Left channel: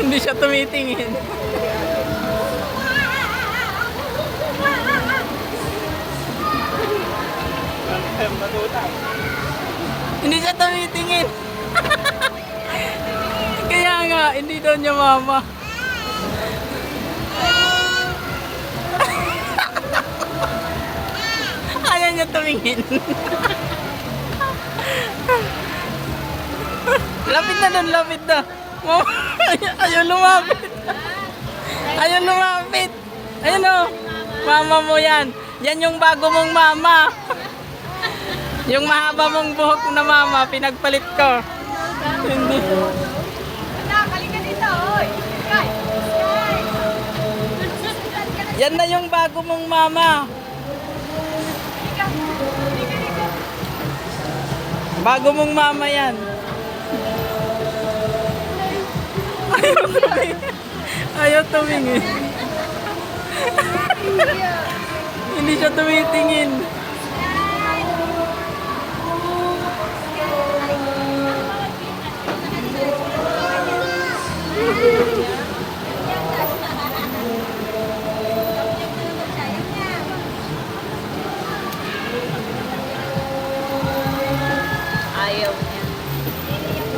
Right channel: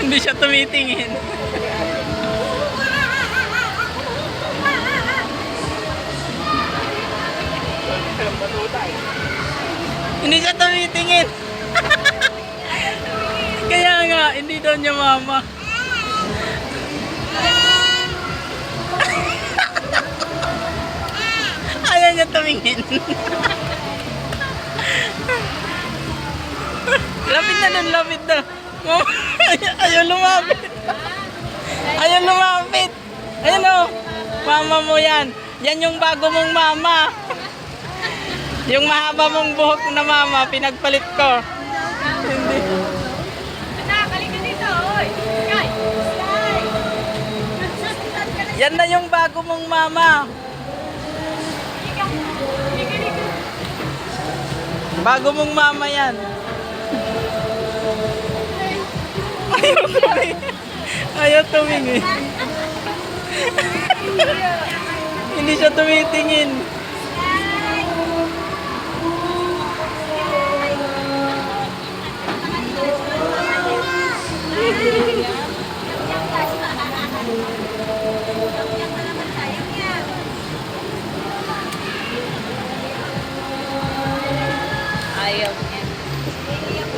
Hindi siya tumitingin. Hindi siya tumitingin. Kaya nga, hindi daw niya mama. Ayaw niya tumingin. Lapit na dun, lapit na. Mama, ayaw lumapit. Ayaw lumapit. Ayun o, mama mo yan. Yan yung bago mong mama. Yung mahaba mong buhok na mama, pinagpalit ko. Hindi. Yan na yung bago mong mama. Bago mong mama yan. Ayaw tumingin. Hindi siya tumitingin.